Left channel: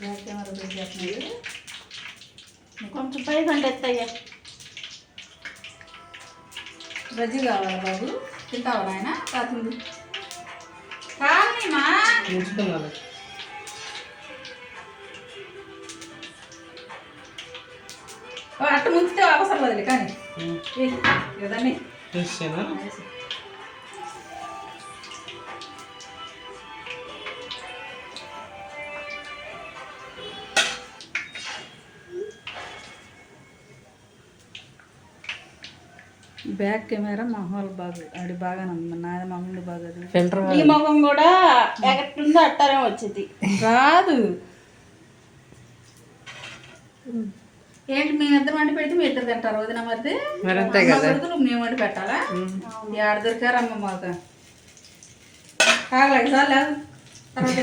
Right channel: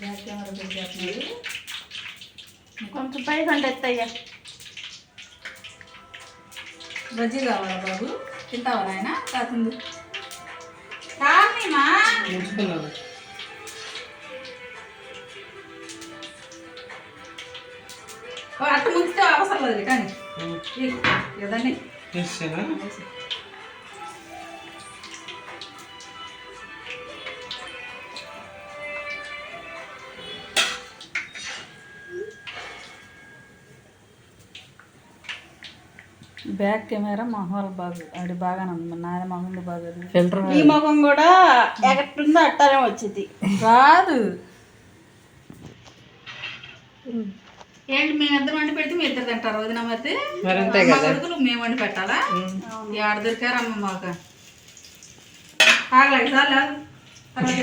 Back camera పెట్టేస్తున్నాడు. కొంచెం పై కంటే ఎత్తయ్యా. బజ్జీ కావాలా బాబు? తింటావా నాయన? తాతుంది కానీమా అట్ట ముంచితే అవసరం లేదు కానీ కదండి. బ్యాక్ కెమెరా మా వాళ్ళు బాగు అది బాగానే ఉంది. నాది మా ముందు బాగా ఫిల్టర్. ఈ ముఖం కూడా ఎక్కడుందో అట్టానే వచ్చింది రాదు. ఏంటి మేము ఇద్దరు వండి పెడితే మీ ఇద్దరు తింటారు వదిన మరి కొడుకులు మేము వండి పెట్టాలా? ఆడ దొరికారమ్మ మాకు ఆగలేదు సార్ లేదు తర్వాత